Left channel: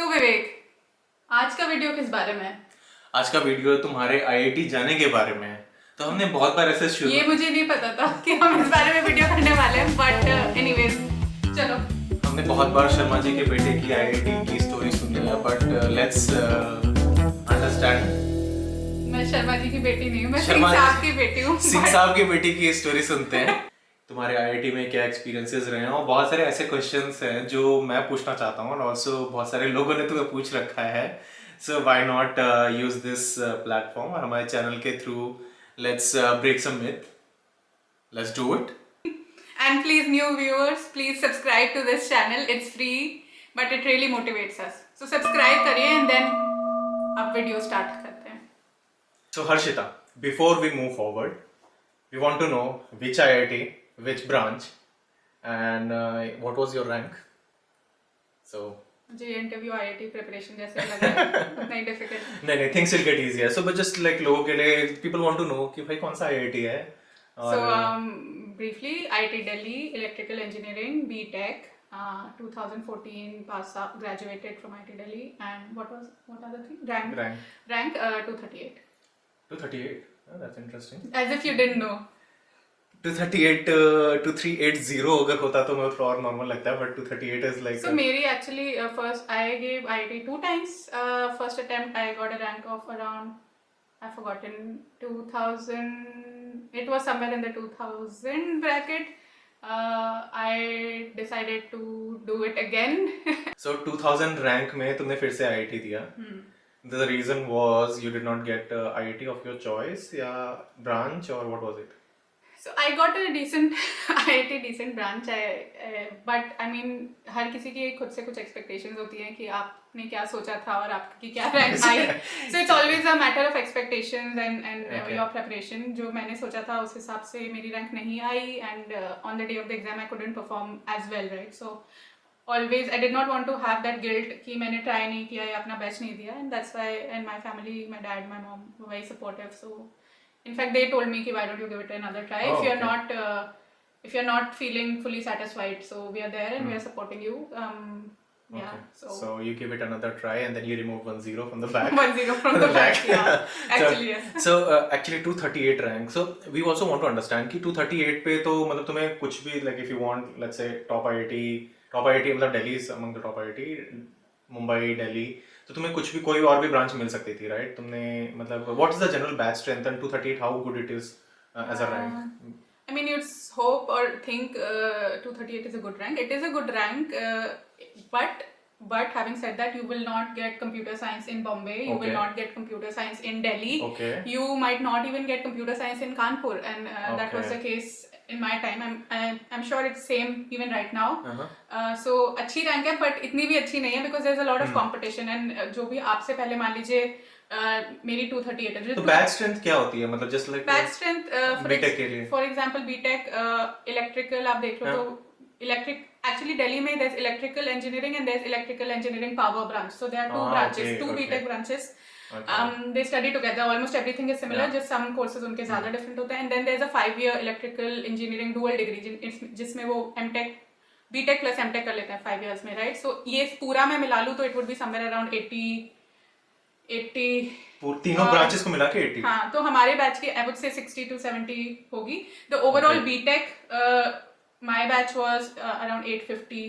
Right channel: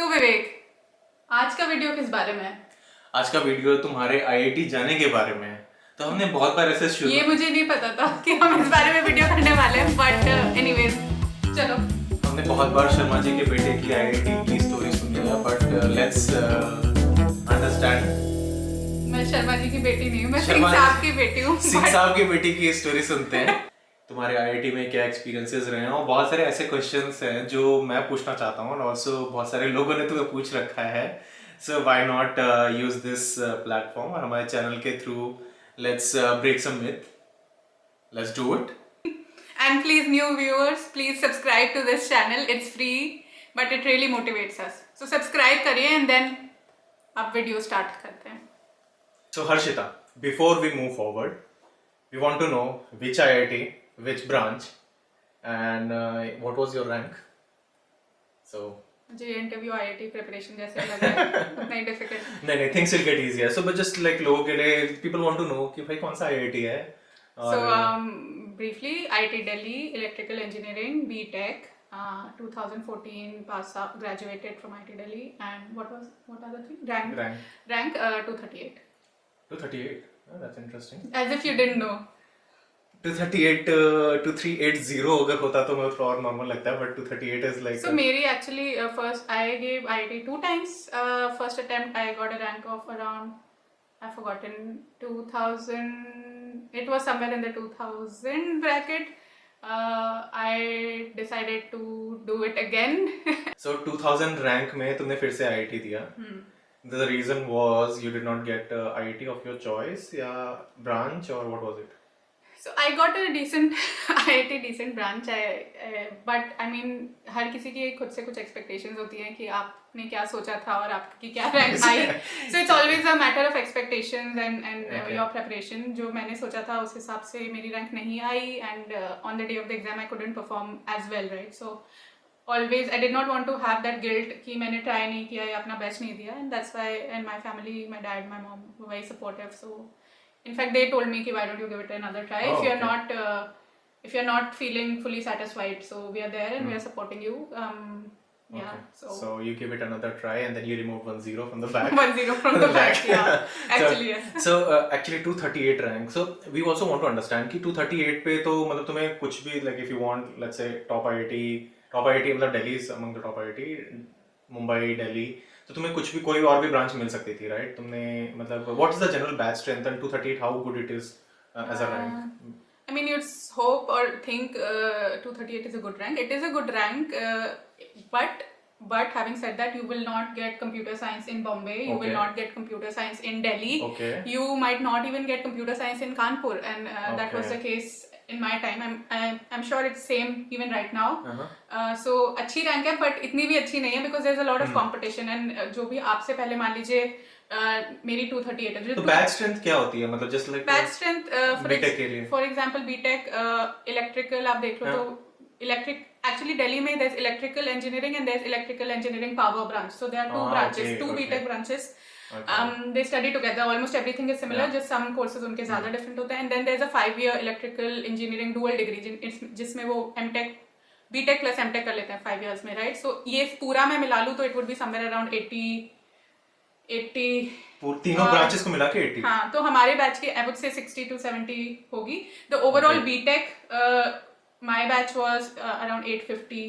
सो विवेक, आज का वीडियो किस बारे में है? आज का वीडियो तुम्हारे आईआईटी जाने के बारे में है। तो हमने बहुत बार ऐसे शुरू ये मुझे नहीं पता था कि हम इस बारे में वीडियो करने वाले हैं, बट एनीवेज चलो। हमने बहुत बार शर्मा जी के बेटे की आईआईटी की स्टोरी सुनी है, बट लेट्स अंडरस्टैंड। मैं शर्मा जी की बेटी नहीं हूँ, मैं सिंह शर्मा साहब की बेटी हूँ। सिंह साहब की बेटी की स्टोरी सुनते हैं। तुम्हारे आईआईटी में क्या एक्सपीरियंसेस रहे हैं, और बहुत सारे ऐसे क्वेश्चंस हैं जो मैं पूछना चाहता हूँ, और ऑल्सो बहुत सारे लोगों ने तुम्हें पूछ रखा है। So why not use this platform, और हमारे चैनल के through let's break some myth, let's do it. And please, new viewers, please subscribe to this channel. It's free, but it really motivates us. So subscribe करिए and then अब video start करते हैं। So Harshita, before we move forward, we want to know which IIT, which branch, and what was your rank? So मुझे ये interview IIT preparation जैसे लग रहा है, नहीं डिफिकल्ट। नहीं, things will get easier. So but just like लोगों के लिए, people want to know कि भाई कौन सा IIT है? So briefly, IIT Delhi, electrical engineering, BTech, 2014 pass up, graduated from IIT Delhi, and what are the three? Rank 238. 238. Oh, that's interesting. As if you didn't know. 238 2380 अगर होता तो मैं थोड़ा और नॉर्मल लगता है, but 238 is like. So मेरी actually first I gave IIT 2 times. First attempt I got a rank of around, I've forgotten, 2000. It was somewhere in the 2000 bracket. I decided to do it again. So 2000 rank में तुमने फिर से IIT दिया. The reason was you did not get IIT of your choice या branch, or what was it? So I got a decent IIT decent branch, but I mean हर किसी की खुद से कुछ expectations होती हैं कि आपने क्या सोचा था और आपकी क्या rank I. So it's always a matter of expectations and your preparation. जो मैंने सोचा था उस हिसाब से मेरी rank नहीं आई, and on the day of the exam I couldn't perform as well, right? So always I did not want to have that guilt कि मैंने try नहीं किया या अपना best नहीं दिया, and that's why, and my family, my dad, my mom were very supportive. So in fact they told me कि why don't you give it another try. Oh, If you're not feeling fully satisfied, so we are there and we are supporting you. Yeah, so you give it another try and then you remove 10 from the back. 10 from the back. Yeah, actually yes. So actually 238 rank. So we also want to understand कि 238 पे तो मतलब तुम्हें कुछ भी, like if you want let's say top IIT मतलब Delhi is among the top IIT, Mumbai, Delhi, तो तुम्हें कुछ भी कोई और भी ब्रांच मिल सकती थी, राइट? तुमने मतलब what is the general batch strength and 238 how good it is as a rank? I mean, you'd hope or think 238 is a good rank. It is a good rank, but having said that, you will not get computer science in Bombay. You will not get computer science in Delhi. Okay. You might not even get computer science in Kanpur, and that was the case in my time. I'm sure it's same even right now. So अच्छी rank है, but इतनी भी अच्छी नहीं है because there's a lot of competition, and जो भी आपसे पहले मान लीजिए मेरी 238 है. तो बैच स्ट्रेंथ क्या होती है, मतलब just like batch strength BTech के लिए फॉर एग्जांपल बीटेक इलेक्ट्रिकल आप देख लो तो इलेक्ट्रिक एक्चुअली दिल्ली में there's electrical engineering and there's electrical engineering power branch, so there are two branches, two BTech branches. They study together, almost everything is similar, just some courses उनके ज़्यादा different होते हैं, and then there's a 5-year electrical engineering dual degree जिसमें वो MTech BTech plus MTech कर लेते हैं 5 years में, right? So ये पूरा मैं मिला लूँ तो it would be somewhere around 80 तीनों ब्रांचेस को मिला के 80. हाँ, तो हमारे बैच की I would say 60 to 70 होगी. The overall BTech, my batch was around 850,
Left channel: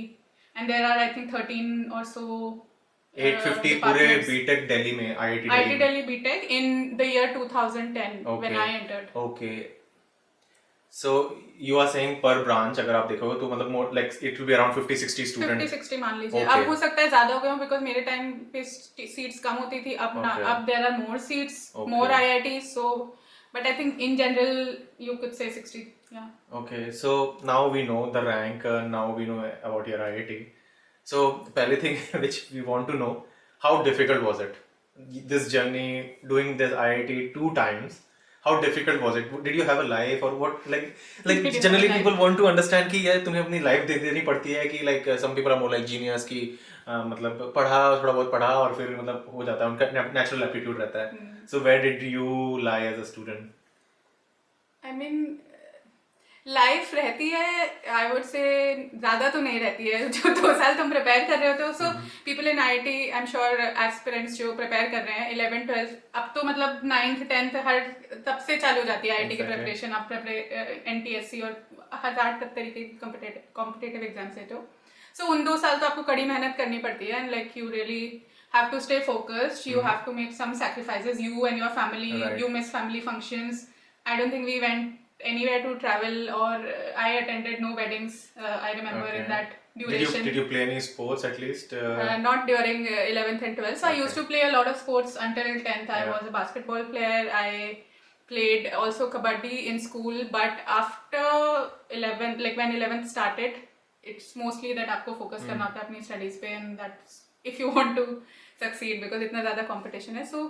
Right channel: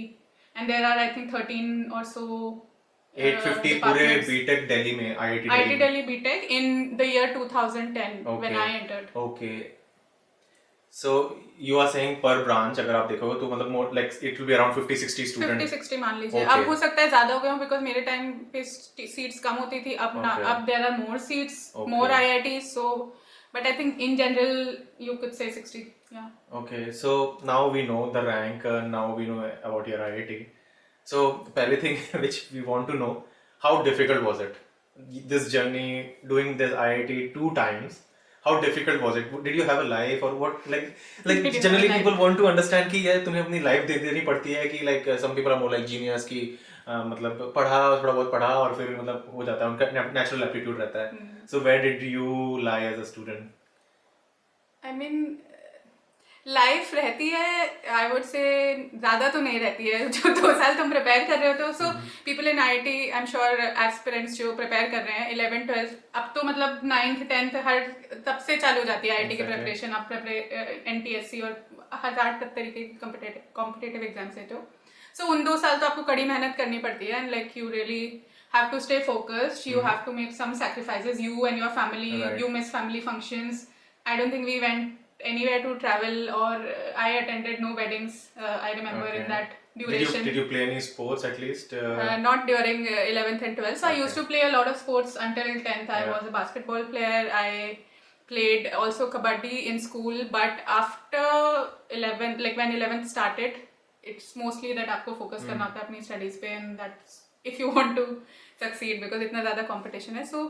and there are I think 13 or so 850 पूरे BTech दिल्ली में, IIT Delhi BTech in the year 2010 when I entered. Okay. So you are saying per branch अगर आप देखोगे तो मतलब more like it will be around 50-60 students. 50-60 मान लीजिए. अब हो सकता है ज़्यादा हो गया because मेरे टाइम पे seats कम होती थी. अब there are more seats, more IITs. So, but I think in general you could say 60. Yeah. Okay, so now we know the rank. Now we know about your IIT. So the pehli thing which we want to know, how difficult was it? This journey doing this IIT 2 times. How difficult was it? Did you have a life or what? Like generally people want to understand कि यार तुम्हें अपनी life दे देनी पड़ती है कि like some people are more like genius कि मतलब पढ़ा थोड़ा बहुत पढ़ा और फिर मतलब हो जाता है, उनका natural aptitude रहता है. So where did you lie as a student? I mean, life रहती है, आई वुड से ज़्यादा तो नहीं रहती है जो 2 साल तुम प्रिपेयर कर रहे हो। तो so people in I T, I am sure aspirants जो प्रिपेयर कर रहे हैं 11th 12th, अब तो मतलब 9th 10th हर तब से चालू हो जाती है आई टी की Exactly. प्रिपरेशन। आप NTSC और हजार तरीके के कॉम्पिटेटिव एग्जाम्स देते हो। सो उन 2 साल तो आपको कड़ी मेहनत करनी पड़ती है, like you really have to stay focused, you have to make some sacrifices, you and your family. Right. You miss family functions. I don't think we went anywhere to travel, or I attended no weddings, I remember in that duration. Did you play any sports at least? Not during 11th and 12th. So I used to play a lot of sports until 10th. I Yeah. was a basketball player. I played also kabaddi in school, but after 11th, like when 11th started, it's mostly that आपको focus करना होता है अपनी studies पे, and that's if you want to succeed because इतना ज़्यादा competition है. So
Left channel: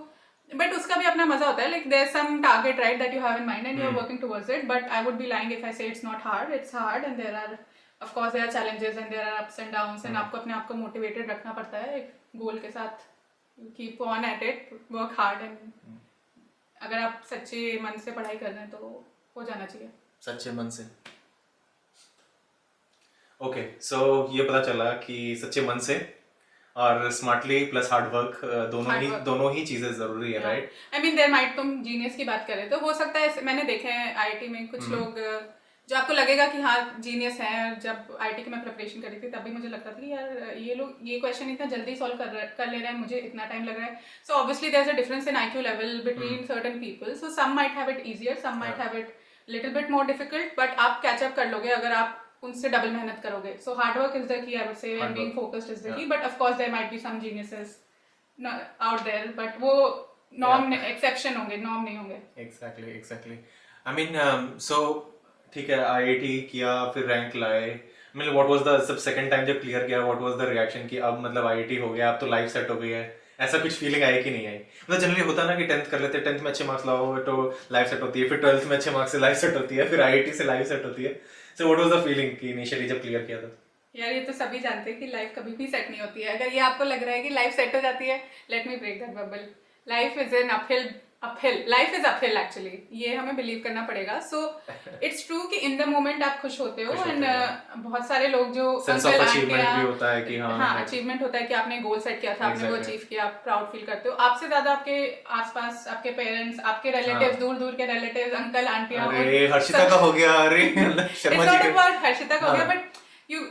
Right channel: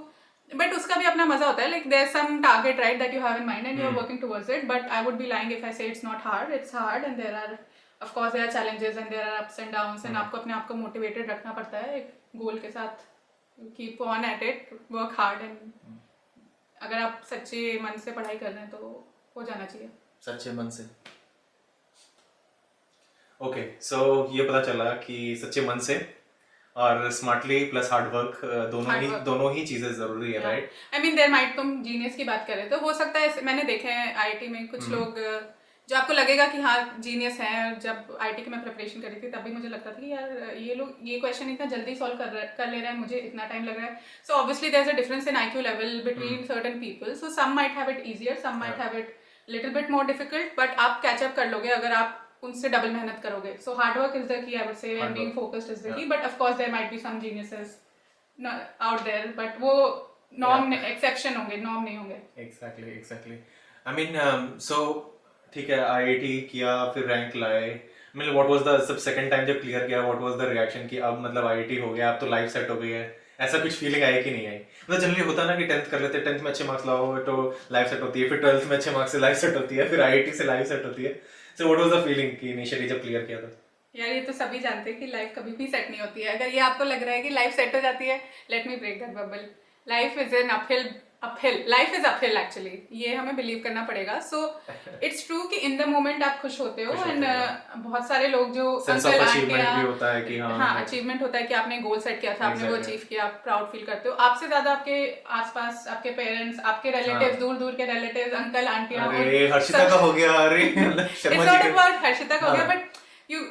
but उसका भी अपना मजा होता है, like there's some target, right, that you have in mind and you're working towards it. But I would be lying if I say it's not hard. It's hard, and there are, of course, there are challenges and there are ups and downs, and आपको अपने आप को motivated रखना पड़ता है एक goal के साथ. Keep on at it, work hard, and अगर आप सच्ची मन से पढ़ाई कर रहे हैं तो हो जाना चाहिए. सच्चे मन से. ओके, सो ये पता चला कि सच्चे मन से और स्मार्टली प्लस हार्ड वर्क दोनों ही चीजें जरूरी है, right? I mean there might, तुम जीनियस की बात कर रहे थे, हो सकता है मैंने देखे हैं आईटी में कुछ लोग जो आपको लगेगा कि हाँ जीनियस है. जब आईटी की मैं प्रिपरेशन कर रही थी तब भी मुझे लगता था कि यार ये लोग ये क्वेश्चन इतना जल्दी सॉल्व कर ले रहा है, मुझे इतना टाइम लग रहा है. So obviously there is a difference in IQ level between certain people. So some might have it easier, some might have it little bit more difficult, but आप कैच अप कर लोगे अगर आप उनसे डबल मेहनत करोगे. So hard work is the key, I would say, and being focused is the key. But of course there might be some geniuses out there, but वो norm exception होंगे, norm नहीं होंगे. एग्जैक्टली. आई मीन सो ठीक है, IIT किया, फिर rank लाए. मतलब what was the sub second time जब क्लियर किया, व्हाट वाज द रिएक्शन कि अब मतलब आईआईटी हो गया, अब तो लाइफ सेट हो गई है, ऐसा कुछ फीलिंग आई कि नहीं आई? मतलब जनरली होता ना कि 10th कर लेते हैं, 10th में अच्छे मार्क्स लाओ तो लाइफ सेट होती है, फिर 12th में अच्छे मार्क्स से लाइफ सेट होती है, फिर आईआईटी से लाइफ सेट होती है. So what was the feeling कि इनिशियली जब क्लियर किया था? यार ये तो सभी जानते हैं कि लाइफ कभी भी सेट नहीं होती है. अगर ये आपको लग रहा है कि लाइफ सेट हो जाती है, let me break that bubble. Life is an uphill, life is uphill actually. ये हमें बिलीव करना पड़ेगा. सो इट्स ट्रू कि इन द मोमेंट आप खुश होते हो, एंड बहुत सारे लोग जो सेंस ऑफ अचीवमेंट भी होता है कि हाँ अचीवमेंट होता है कि आपने गोल सेट किया था, आपने वो अचीव किया, आप प्राउड फील करते हो. आपसे ज्यादा आपके आसपास आपके पेरेंट्स, आपके रिलेटिव्स, दूर दूर के रिलेटिव्स, अंकल आंटी, अरे हर्षिता तो हो गया, अरे it's not about Harshita हो गया, but you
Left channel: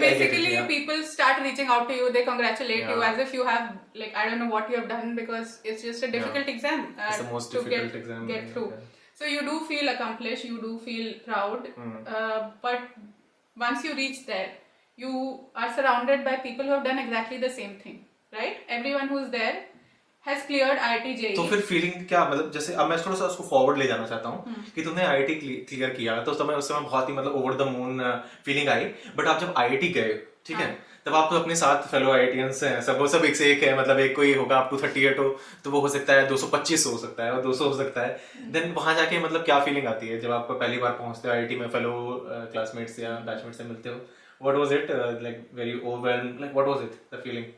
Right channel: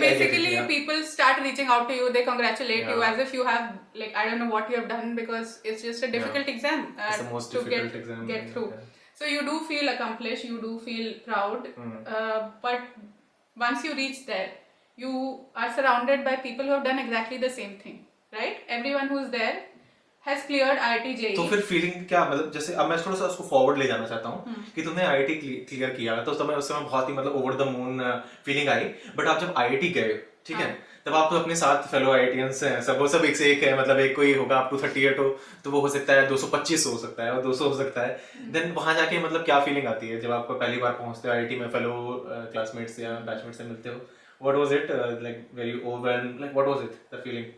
basically people start reaching out to you, they congratulate you as if you have, like, I don't know what you have done, because it's just a difficult exam It's the most to difficult exam, get through. So you do feel accomplished, you do feel proud, but once you reach there, you are surrounded by people who have done exactly the same thing, right? Everyone who's there has cleared IIT JEE. तो फिर feeling क्या, मतलब जैसे अब मैं थोड़ा सा उसको फॉरवर्ड ले जाना चाहता हूँ कि तुमने आईआईटी क्लियर किया तो तुम्हें उस समय बहुत ही मतलब over the moon feeling I. But आप जब आईआईटी गए, ठीक है, तब आप अपने साथ फेलो आईआईटीएंस हैं, सब सब एक से एक है, मतलब एक कोई होगा आप 238 हो तो वो हो सकता है 225 हो सकता है और 200 हो सकता है. देन वहां जाके मतलब क्या फीलिंग आती है जब आप पहली बार पहुंचते हो आईआईटी में, फेलो क्लासमेट्स या बैचमेट्स से मिलते हो? What was it like? Very overwhelm, like what was it the feeling?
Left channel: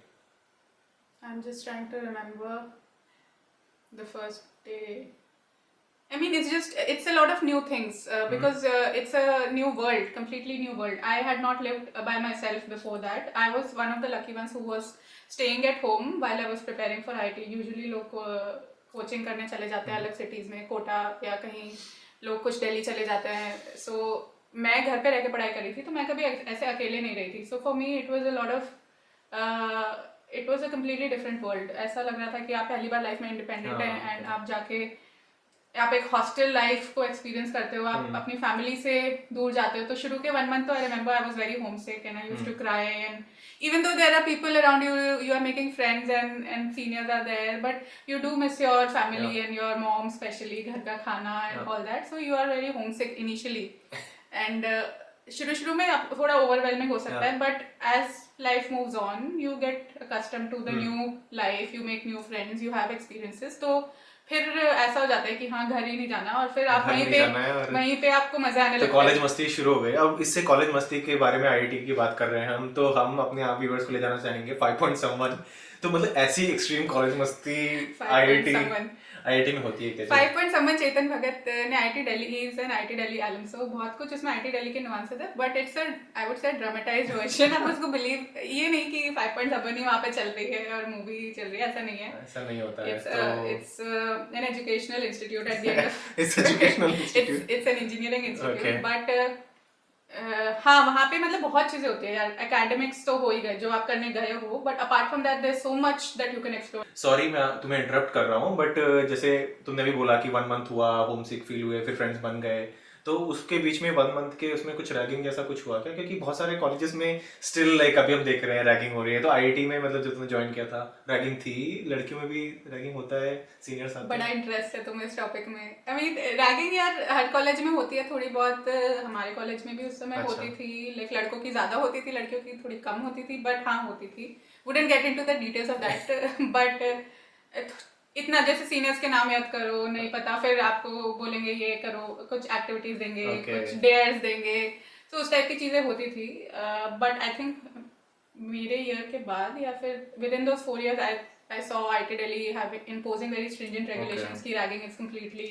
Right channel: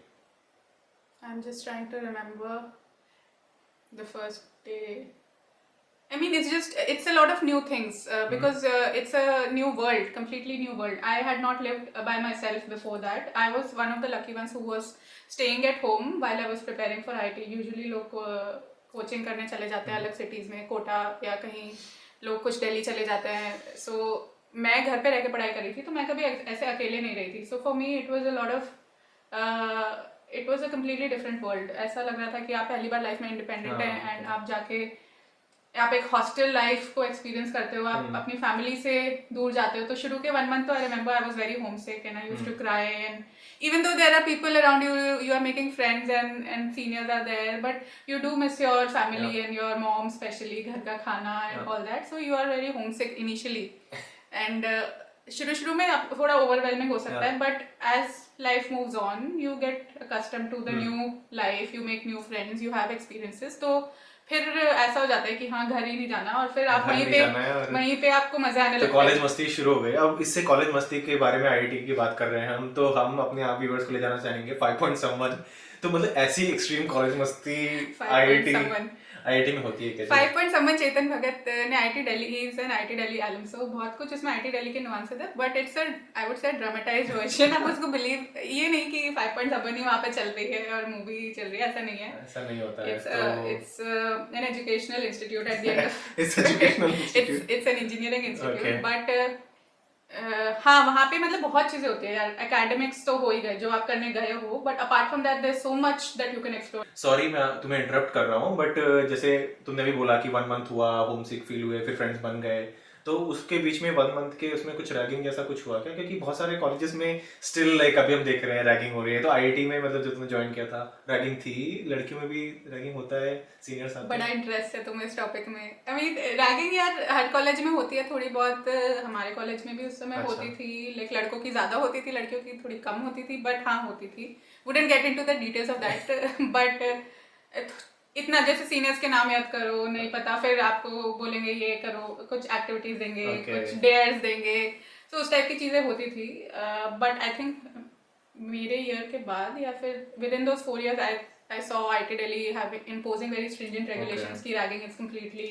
I'm just trying to remember the first day. I mean, it's a lot of new things because it's a new world, completely new world. I had not lived by myself before that. I was one of the lucky ones who was staying at home while I was preparing for IT. Usually लोग coaching करने चले जाते हैं अलग cities में, कोटा या कहीं, लोग कुछ दिल्ली चले जाते हैं. So मैं घर पे रह के पढ़ाई कर रही थी, तो मैं कभी ऐसे अकेले नहीं रही थी. So for me it was a lot of it was a completely different world. ऐसा लग रहा था कि आप पहली बार लाइफ में इंडिपेंडेंट हैं, एंड आप जाके आप एक हॉस्टल लाइफ को एक्सपीरियंस करते हो, आप अपनी फैमिली से दूर जाते हो. तो शुरू के 1 month तो I remember I was very homesick and I used to cry, and even though there are people around you, you are making friends and seniors are there, but you do miss your family and your mom, especially घर का खाना and all that. So you are very homesick initially, and शुरू में थोड़ा overwhelming हो सकता है, but as life moves on, you get accustomed to the new life, you make new friends, you have experiences. तो फिर ऐसा हो जाता है कि हाँ घर ही नहीं जाना, और फिर आप वहीं पे आपको मजा आने लगता है. तो कॉलेज मस्ती शुरू हो गई. अब इससे कॉलेज मस्ती के बारे में आईआईटी की बात कर रहे हैं हम, तो हम अपने आप व्यूअर्स को ले जाना चाहेंगे 5 point someone तो मतलब ऐसी एक्सट्रीम कॉलेज मस्ती Five IIT someone. में होती है क्या? 5 point someone चेतन भगत ने IIT Delhi is an IIT Delhi alum, so बहुत कुछ इसमें IIT दिल्ली के nuances है, but it's a I would say dramatized version. आप उसको believe ये नहीं कि 5 point someone ही वहाँ पे चल रही है और movie चल रही है, ऐसा नहीं है. ऐसा नहीं होता है It's an educational institute at the end of it's an engineering institute, Okay. but हाँ वहाँ पे मतलब बहुत चीजें होती हैं यार. एकेडमिक्स तो हो ही गए जो आप करने गए हो, but apart from that there is so much that you can explore. Sorry मैं तुम्हें इंटरप्ट कर रहा हूँ बट जैसे तुमने भी बोला कि 1 मंथ हुआ होम सिक फील हुए फिर फ्रेंड्स बन गए, तो उसके बीच में 1 मंथ के उसमें कुछ रैगिंग जैसा कुछ हुआ क्या? क्योंकि बहुत सारे कॉलेजेस में स्टिल लाइक अभी हम देख रहे हैं रैगिंग हो रही है, तो IIT में मतलब जो तुमने ज्वाइन किया था रैगिंग थी, लड़कियों में भी रैगिंग होता है, सीनियर्स आते बड़ा हैं? इंटरेस्ट है तुम्हें इस टॉपिक में. आई मीन रैगिंग यार हर कॉलेज में होती है थोड़ी बहुत. हमारे कॉलेज में भी उस समय अच्छा. होती थी. लाइक लड़कों की ज्यादा होती थी, लड़कियों की थोड़ी कम होती थी, बट हाँ होती थी. Wouldn't get into the details of that, but इतना जैसे सीनियर्स के नाम याद करो नहीं पता, फिर आपको बोलेंगे ये करो, कुछ एक्टिविटीज देंगे, Okay. कुछ डेयर्स देंगे, तो उस टाइप की चीजें होती थी. बट आई थिंक मेरे ईयर के बाद या फिर with in those 4 years I saw IIT Delhi imposing very stringent regulations कि ragging is completely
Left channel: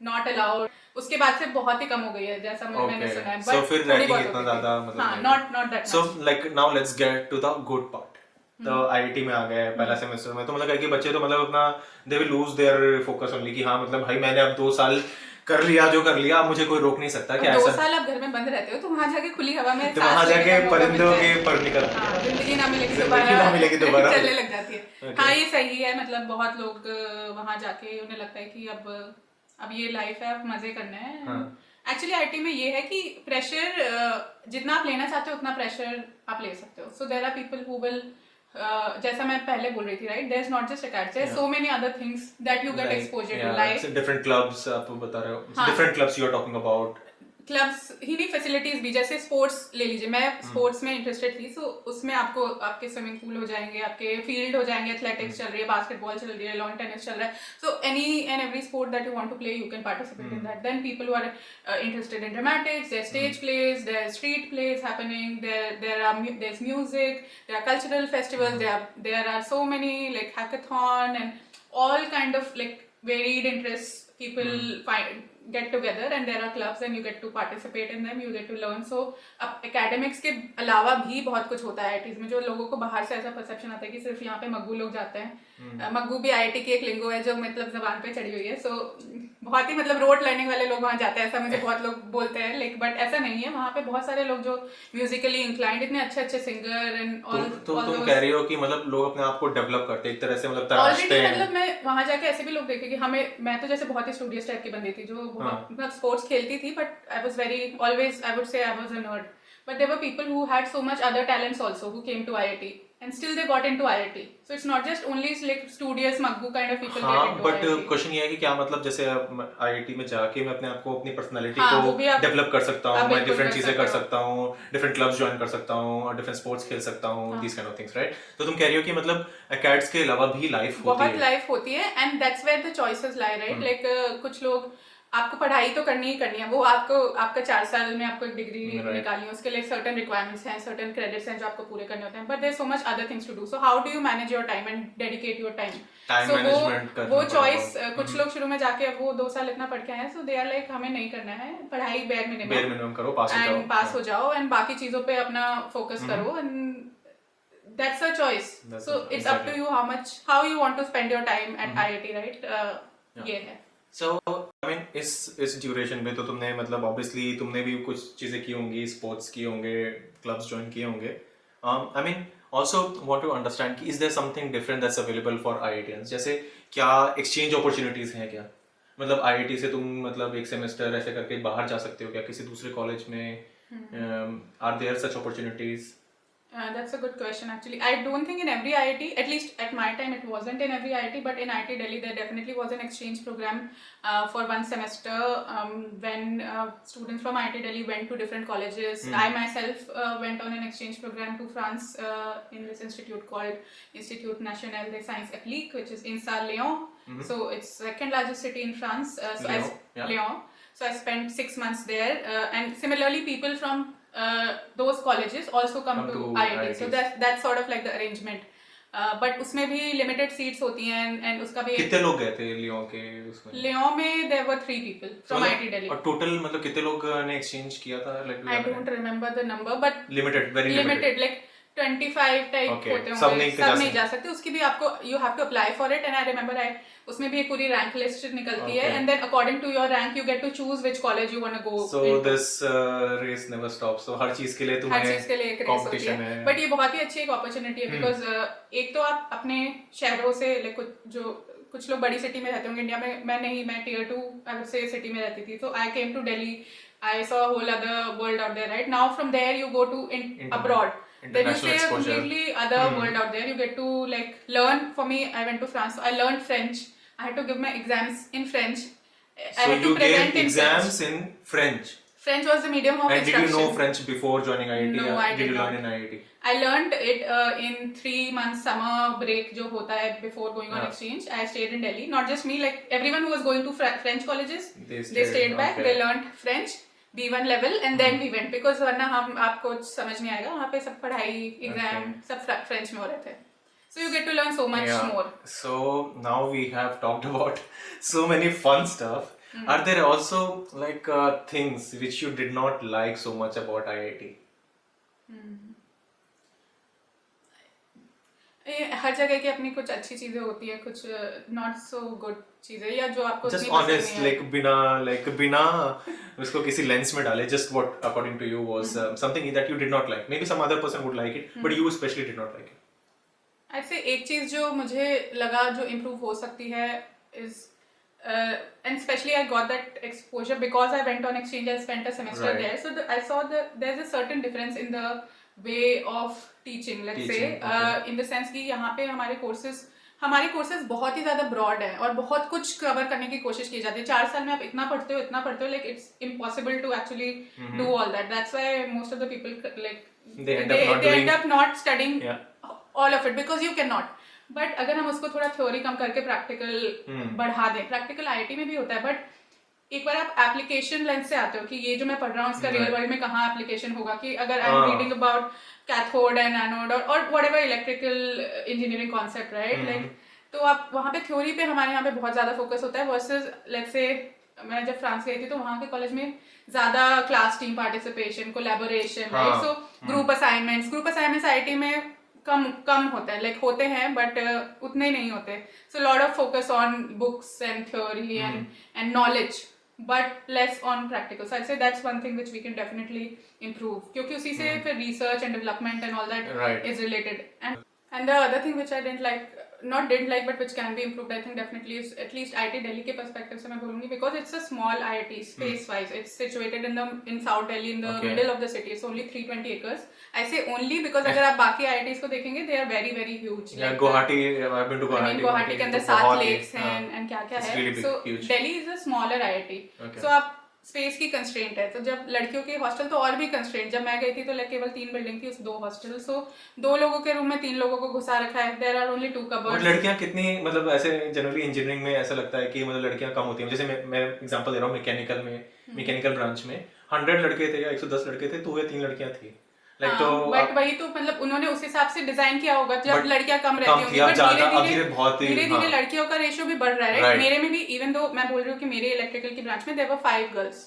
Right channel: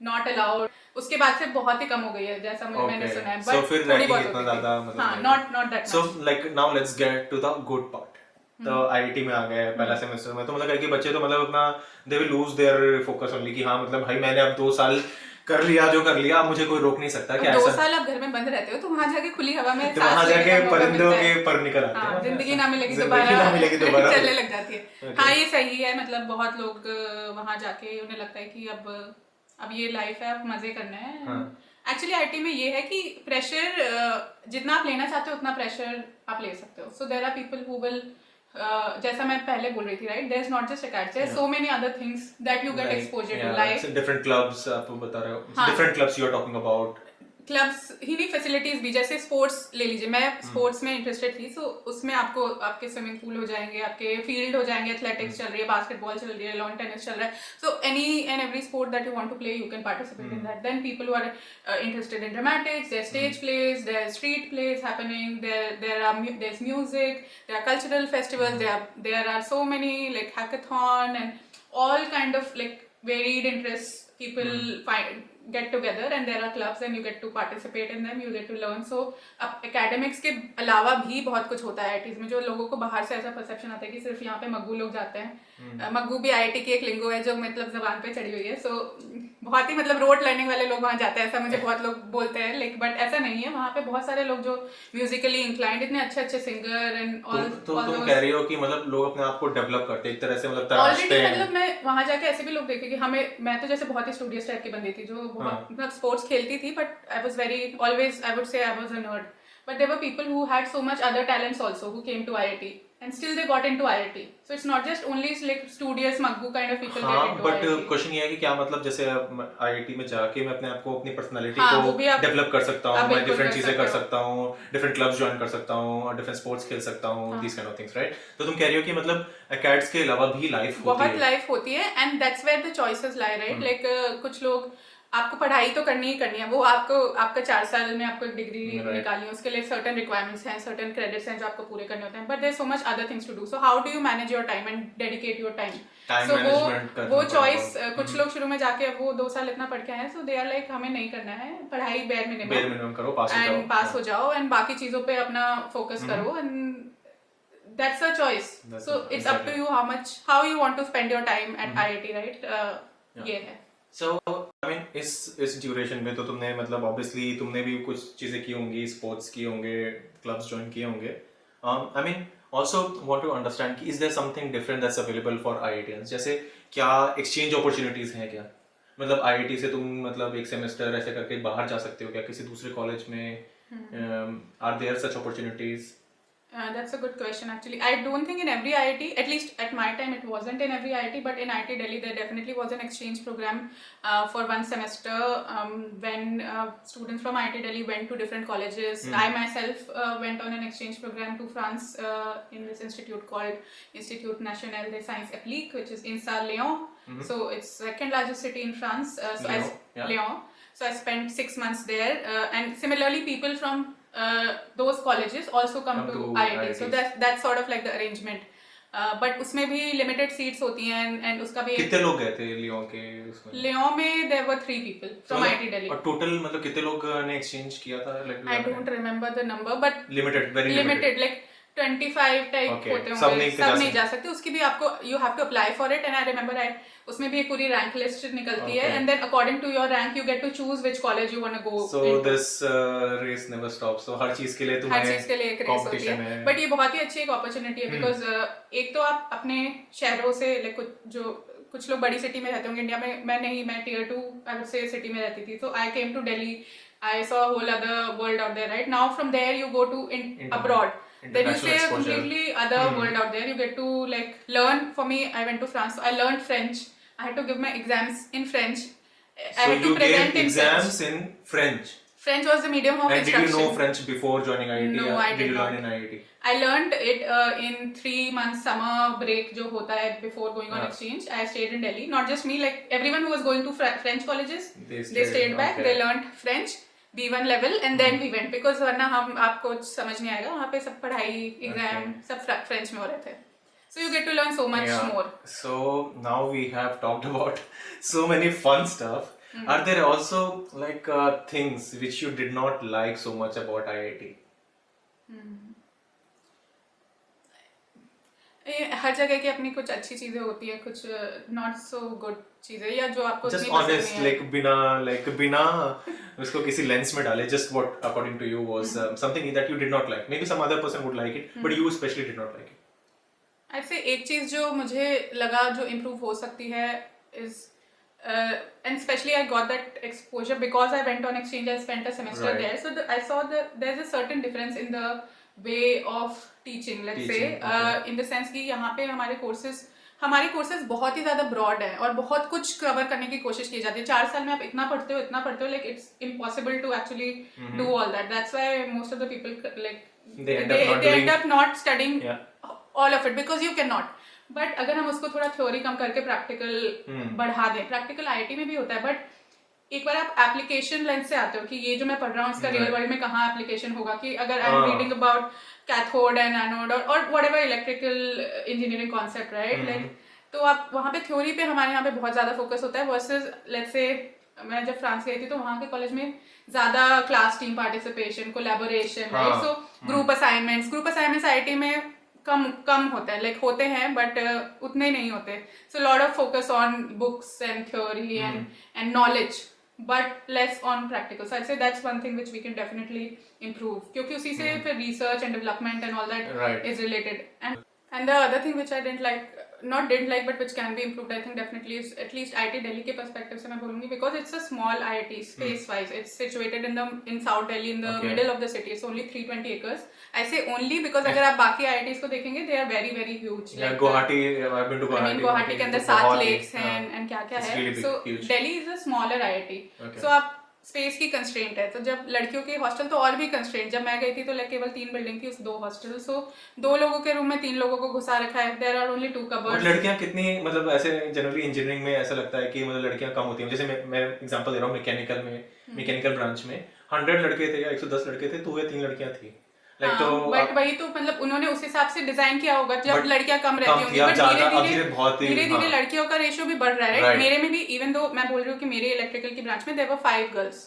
not allowed. उसके बाद फिर बहुत ही कम हो गई है जैसा मैंने सुना है. So But फिर थोड़ी रैगिंग बहुत इतना होती थी. ज्यादा मतलब हाँ, not that So much. like now let's get to the good part. तो IIT में आ गए पहला सेमेस्टर में, तो मतलब करके बच्चे तो मतलब अपना they will lose their focus only कि हाँ मतलब भाई मैंने अब 2 साल कर लिया जो कर लिया, अब मुझे कोई रोक नहीं सकता. क्या 2 ऐसा? साल आप घर में बंद रहते हो तो वहाँ जाके खुली हवा में तो वहाँ सांस लेने जाके का मौका परिंदों मिलता है. के पर निकल हाँ, जिंदगी ना मिलेगी जिंदगी ना मिलेगी दोबारा दोबारा. चलने लग जाती है. Okay. हाँ ये सही है. मतलब बहुत लोग वहाँ जाके उन्हें लगता है कि अब ये लाइफ है, अब मजे करना है. हाँ. एक्चुअली IIT में ये है कि प्रेशर जितना आप लेना चाहते हो उतना प्रेशर आप ले सकते हो. So there are people who will जैसा मैं पहले बोल रही थी right, there is not just academics, there so many other things that you get exposure to. Like different clubs आप बता रहे हो. हाँ. Different clubs you are talking about. Clubs ही नहीं, फैसिलिटीज भी. जैसे स्पोर्ट्स ले लीजिए, मैं स्पोर्ट्स में इंटरेस्टेड थी, सो उसमें आपको आपके स्विमिंग पूल हो जाएंगे, आपके फील्ड हो जाएंगे, एथलेटिक्स चल रही है, बास्केटबॉल चल रही है, लॉन टेनिस चल रहा है. So any and every sport that you want to play you can participate in that. Then people who are interested in dramatics, there's stage plays, there's street plays happening, there's music, there are cultural festivals, there are so many like hackathon and all kind of like varied interests. People get together and there are clubs and you get to participate in them, you get to learn. So अब academics के अलावा भी बहुत कुछ होता है IIT में, जो लोगों को बाहर से ऐसा परसेप्शन आता है कि सिर्फ यहाँ पे मग्गू लोग जाते हैं. मग्गू भी IIT की एक लिंगो है जो मतलब जबान पे चढ़ी हुई है. सो बहुत ही मतलब रोड लर्निंग वाले लोग वहाँ जाते हैं, ऐसा मुझे बहुत लोग बोलते हैं. लाइक बट ऐसा नहीं है. वहाँ पे बहुत सारे लोग जो म्यूजिकली इंक्लाइंड, इतने अच्छे अच्छे सिंगर एंड ऑल. तो तुम कह रही हो कि मतलब लोग अपने आप को डेवलप करते हैं एक तरह से, मतलब ऑलरेडी तराशते हैं. मतलब मैं वहाँ जाके ऐसे भी लोग देखती कि मैं तो जैसे बहुत ही स्टूडियस टाइप की बंदी थी जो मतलब स्पोर्ट्स खेलती थी, but I was very always I would से I was a nerd. But there were people who had so much other talents also who came to IIT and still they got into IIT. So it's not just only like studious maggu kind of people हाँ, get into but IIT. Question ये है कि क्या मतलब जैसे IIT में जाके मैं अपने आप को अपनी पर्सनालिटी हाँ, वो भी को आप- डेवलप कर सकता आप हूँ, मैं बिल्कुल डिफरेंट कर चीजें सकते कर हो. सकता हूँ, डिफरेंट क्लब्स ज्वाइन कर सकता हूँ और डिफरेंट स्पोर्ट्स खेल सकता हूँ, this kind of things, right? तो तुम कह रही हो कि मतलब एकेड्स के अलावा भी लाइफ होती बहुत है. लाइफ होती है and that's where the choices lie right. Like कुछ लोग आपको पढ़ाई तो करनी ही करनी है, वो आपको आपका 4 साल में आपको एक डिग्री निकालनी है, उसके लिए सर्टेन रिक्वायरमेंट्स हैं, सर्टेन क्रेडिट्स हैं जो आपको पूरे करने होते हैं. But there is so much other things to do. So how do you manage your time and dedicate your time? Time so management करना वो बहुत चॉइस important. कुछ लोग शुरू में जाके वो 2 साल इतना पढ़ के आए, सो दे आर लाइक हमें नहीं करना है पढ़ाई, बेयर मिनिमम करो, पास हो पास जाओ. हो जाओ एंड बाकी चीजों पे अपना फोकस करो. And that's a choice. That's So a- it's up to you how you want to spend your time at IIT, right? ये है. So I mean इस ड्यूरेशन में तो तुमने मतलब ऑब्वियसली तुमने भी कुछ चीजें की होंगी, स्पोर्ट्स की होंगे, क्लब्स ज्वाइन किए होंगे. I mean also want to understand कि is there something different that's available for IITians? जैसे क्या एक्सचेंज अपॉर्चुनिटीज हैं क्या? मतलब IIT से तुम मतलब एक सेमेस्टर ऐसे करके बाहर जा सकते हो क्या किसी दूसरे कॉलेज में? Are there such opportunities? That's a good question actually. I don't think in every IIT, at least at my time, it wasn't in every IIT, but in IIT Delhi there definitely was an exchange program for 1 semester when students from IIT Delhi went to different colleges. I myself went on an exchange program to France in this institute called Institut National des Sciences Appliquées, which is in Lyon. So it's second largest city in France. Lyon. So I spent 6 months there, and similarly people from those colleges also come to IIT. So that's sort of like the arrangement. But उसमें भी limited seats होती हैं and उसका भी कितने लोग गए थे लियोन के उसमें? लियों में there were 3 people from IIT Delhi. और टोटल मतलब कितने लोग ने एक्सचेंज किया था I don't remember the number, but limited, very limited. limited, like 25 type Okay. होते सब होंगे. नहीं सब जा नहीं जा सकते. उसकी भी आपको you have to apply for it, and I remember उसमें भी एक पूरी रैंक लिस्ट निकलती है, Okay. and then according to your rank you get to choose which college you want to go. So into. this race never stops. So हर चीज के लिए हर तुम्हें चीज के लिए एक रेस होती competition है. है. बट ये बहुत ही अच्छी एक अपॉर्चुनिटी है बिकॉज एक तो आप अपने शहरों से like जो कुछ लोग बड़ी सिटी में रहते होंगे इंडिया में. मैं tier 2 I would say city में रहती थी. So I came to Delhi. I saw a whole other world out there. Right now from there you go to abroad. Then you see a exposure. completely other world out there. You get to like learn. For me, I went to France. I learned French. I had to give my exams in French. I So had to you present gave in exams in French. French was the medium of And did you instruction. know French before joining IIT? No, or I did you did learn not. in IIT? I learned it in 3 months summer break जो होता है before going on Yeah. exchange. I stayed in Delhi. Not just me, like everyone who was going to French colleges, They they stayed, stayed back. okay. They learned French B1 level and then we went because वरना हम आपको समझ नहीं आएगा. वहाँ पे सब पढ़ाई एग्जाम सब French में हो रहे थे. So you get to learn so much Yeah. more. So now we have talked about so many fun stuff. Are there also like things which you did not like so much about IIT? हर जगह की अपनी कुछ अच्छी चीजें होती है, कुछ not so good चीजें या जो आपको Just उतनी पसंद honest, नहीं है. like बिना उसको किसी लेंस में डाले. Just what according to you was something that you did not like. Maybe some other person would like it, but you especially did not like it. ऐसे एक चीज जो मुझे लगा जो इम्प्रूव हो सकती है is and especially I got that exposure because I went on exchange and spent a semester Right. there. So I saw that there's a certain difference in the way of teaching. Let's say Teaching, in the sense कि यहाँ पे हमारे courses बहुत ही ज़्यादा broad है और बहुत कुछ cover करने की कोशिश की जाती है. 4 साल में आप इतना पढ़ते हो like it's impossible to actually do all that. That's why most of the people like They end up not studying Yeah. all of it because you cannot. But अगर हम उसको थोड़ा थ्योरी कम करके प्रैक्टिकल बढ़ा दें, प्रैक्टिकल आईआईटी में भी होता है बट एक बार आप एप्लीकेशन लेंस से आते हो कि ये जो मैं पढ़ रहा हूँ इसका रियल वर्ल्ड में कहाँ एप्लीकेशन होगा. कि अगर I am reading about cathode and anode और whatever electrical engineering concept right like, तो आप वहाँ पे थ्योरी पे हमारे यहाँ पे बहुत ज़्यादा फोकस होता है वर्सेस लेट्स से मैं जब फ्रांस गई थी तो वहाँ के कॉलेज में ज़्यादा class team participation, collaboration, right. So group assignments IIT में कम होता है, लाइक होते हैं बट उतने नहीं होते. So lot of focus on books and theory and knowledge but less on practical. So I say that's one thing which we can definitely improve क्योंकि उसी से फिर research and development and all that is related. And the other thing which I didn't like not didn't like but which can be improved, I think definitely is at least IIT Delhi के perspective से मैं बोलूँगी because it's a small IIT space wise. It's situated in South Delhi in the middle of the city. It's only 320 acres. I say only because अगर आप बाकी IITs को देखेंगे they are very very huge. Yeah, Guwahati, I've been to Guwahati. Guwahati के अंदर It's 7 बहुत lakes big, हैं and क्या It's है. really big, So huge. Delhi is a smaller IIT. Okay. So आप स्पेस की कंस्ट्रेंट है. तो जब लड़कियों की हॉस्टल तो और भी कंस्ट्रेंट. जब मैं गई थी तो केवल 3 बिल्डिंग थी, उस 2 हॉस्टल. सो 2 लोगों के रूम में 3 लोगों को घुसा रखा है. देयर आर ओनली 2 और कबर्ड्स. लड़कियां कितनी मतलब ऐसे जनरली इंजीनियरिंग में ऐसा लगता है कि मतलब लड़कियां कम होती हैं. जैसे मैं एग्जांपल दे रहा हूँ मैकेनिकल ब्रांच में 100 लड़के थे या 110 लड़के थे तो वे 3 लड़कियां थी. लाइक तो बट वही तो मतलब उन्होंने उस हिसाब से डिजाइन किया होगा जब But लड़कियां कम रहती होंगी. बट धीरे-धीरे लड़कियों का रेशियो भी बढ़ रहा है. Right. मेरे में भी इवन दो मैं बोल रही हूँ कि मेरे इलेक्ट्रिकल की ब्रांच में there were 5 girls.